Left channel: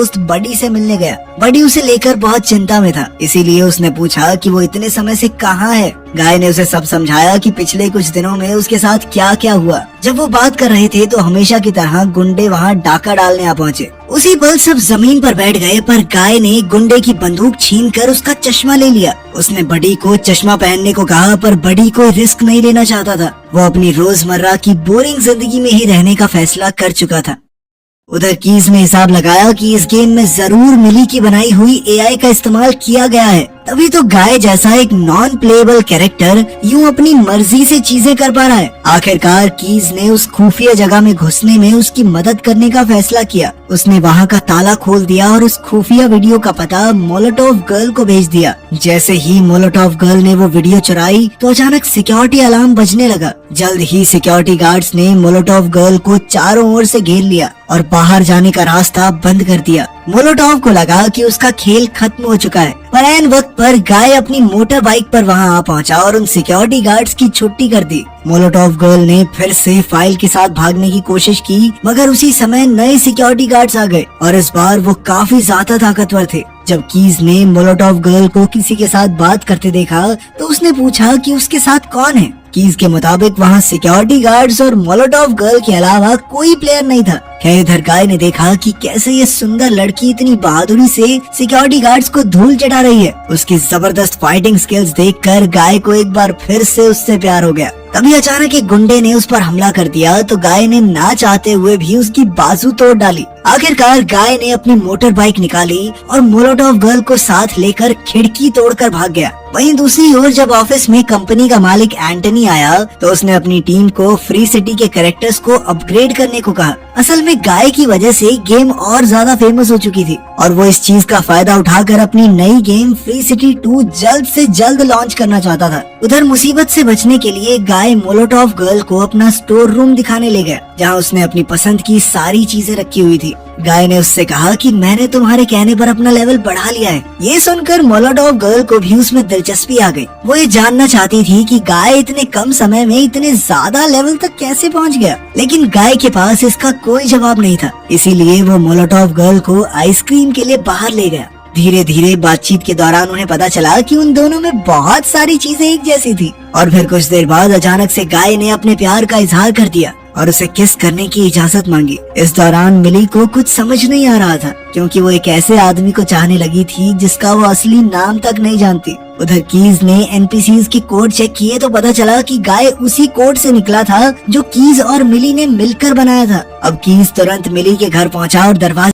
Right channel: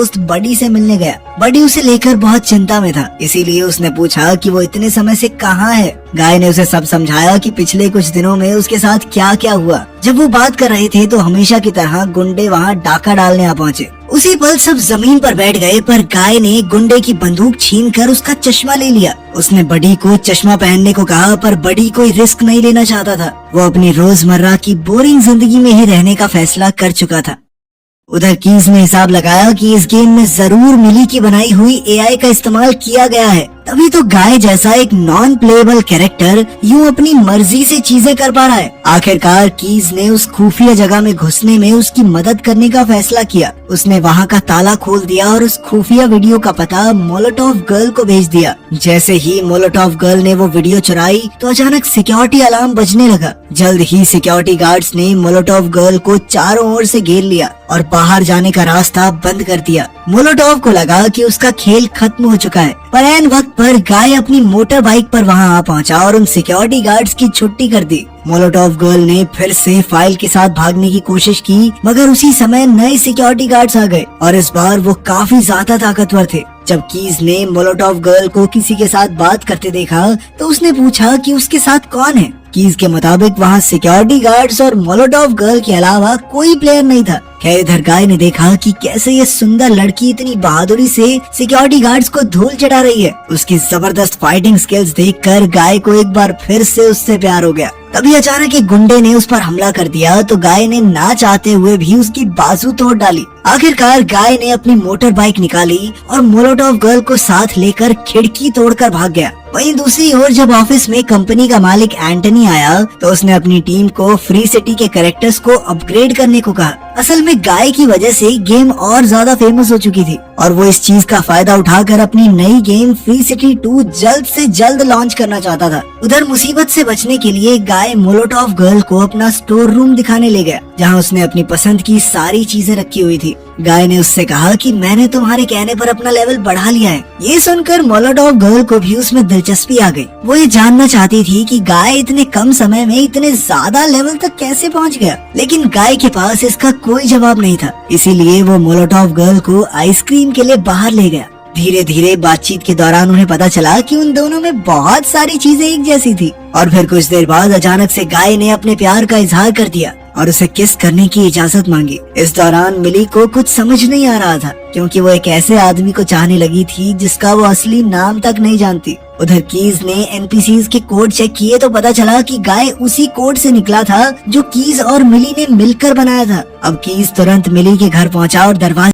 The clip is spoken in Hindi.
दोस्त बडी से मिलने गया। बडी उसे लेकर बहुत चिंता में था, इसीलिए उसने पूछा कि वो इतने समय से कहाँ है। गाय ने उसे सब समझाया कि पिछले कुछ दिनों में उसके साथ क्या क्या हुआ। जब वो बात कर रहे थे तो हमेशा की तरह गुंडे वहाँ डाका डालने आ पहुँचे। उसी पल सब जमीन पर बैठ गए, पर गाय ने गुंडे की बंदूक छीनकर उसका चश्मा ले लिया। उसने बडी को चश्मा पहनने को कहा, पर बडी कोई रिस्क नहीं लेना चाहता था। वो अपनी रोजमर्रा की बोरिंग जिंदगी में ही रहने का फैसला कर चुका था। उधर कीज ने हिसाब लगाया कि इस गेम में जरूर मिली की बनाई हुई एआई का इस्तेमाल किया गया है, तभी तो गाय जैसा एक नॉन प्लेएबल कैरेक्टर यूं अपनी मर्जी से चीजें कर पा रहा है। आखिरकार कीज ने उस खुफिया जगह में घुसने में उसकी मदद करने का फैसला किया। उसने वहाँ का ताला खोल दिया और उस खुफिया वीडियो का पता मोलोटोव गर्ल को भेज दिया। जैसे ही मोलोटोव गर्ल ने वो वीडियो चुराई तो अचानक सिक्योरिटी अलार्म बजने लगा। जल्द ही सिक्योरिटी गार्ड्स ने मोलोटोव गर्ल को चारों ओर से घेर लिया और बाहर जाने का रास्ता बंद कर दिया। मोलोटोव को लगा कि उसका खेल खत्म हो चुका है, पर ऐन वक्त पर गाय अपनी मोटर बाइक पर वहां आ पहुंचा और उन सिक्योरिटी गार्ड्स की छुट्टी कर दी। मोलोटोव गर्ल ने फिर से फाइल के साथ भागने की कोशिश की, मगर उसी समय नए सिक्योरिटी गार्ड्स आ गए और इस बार वो काफी ज्यादा ताकतवर थे। जब कीज ने मोलोटोव गर्ल को किसी के साथ बात करते देखा तो उसने पूछा कि उसके साथ कौन है। कीज के मुताबिक वहाँ सिक्योरिटी गार्ड्स और मोलोटोव गर्ल के अलावा कोई प्लेयर नहीं था। खैर इधर गाय ने देखा कि कैसे ये सुंदर लड़की इतनी बहादुरी से सिक्योरिटी गार्ड्स को धूल चटा रही है। उसकी जबरदस्त फाइटिंग स्किल्स देखकर गाय को एक बार फिर से उससे प्यार हो गया। तभी अचानक एक गुंडे ने उस पर हमला कर दिया तो गाय ने ना चाहते हुए भी उसकी बाजू तोड़ डाली। आखिरकार गाय ने अपनी मोटर बाइक निकाली और मोलोटोव गर्ल को साथ लेकर खिड़की तोड़कर भाग गया। वहीं दूसरी ओर जब ऑफिस में कंपनी का मालिक एंटनी आया तो उसने अपनी टीम को फ्री सिटी के कैरेक्टर्स को अपग्रेड करने को कहा। असल में गाय की वजह से गेम और ज्यादा फेमस हो चुकी थी और वो इस चीज का फायदा उठाकर अपनी नई गेम फ्री सिटी 2 जल्द से जल्द लॉन्च करना चाहता था। उधर मुसीबत से बचने के लिए गाय मोलोटोव गर्ल को अपना स्टोर रूम दिखाने ले गया, जहाँ उसने अपनी पसंद की सारी चीजें रखी हुई थी। गाय ने उससे कहा कि मैंने तुम्हारे कहने पर अपना लेवल बढ़ा लिया है। ये सुनकर मोलोटोव गर्ल को भी उसमें दिलचस्पी आ गई। वो ये जानना चाहती थी कि गाय इतने कम समय में इतने ज्यादा लेवल तक कैसे पहुंच गया, लेकिन गाय के पास इसका कोई जवाब नहीं था। इसीलिए वो मोलोटोव गर्ल को आइसक्रीम के लिए बाहर ले गया। धीरे धीरे बातचीत के दौरान उन्हें पता चला कि उन दोनों में बहुत सारी चीजें एक जैसी थी और फिर कुछ देर बाद अचानक से गाय ने अपने प्यार का इजहार कर दिया और उसे किस करने की इजाजत मांगी। इस दौरान मिली को कुछ समझ नहीं आ रहा था, क्योंकि वो एक ऐसे आदमी को चाहने लगी थी जिसका वो असली नाम तक नहीं जानती। उधर कीज ने एनपीसीज के कोड चेक किए तो पता चला कि गाय उसी कोड से निकला था जो कीज और मिली ने मिलकर बनाया था। अब कीज तुरंत मिली के घर पहुंचा और दरवाजा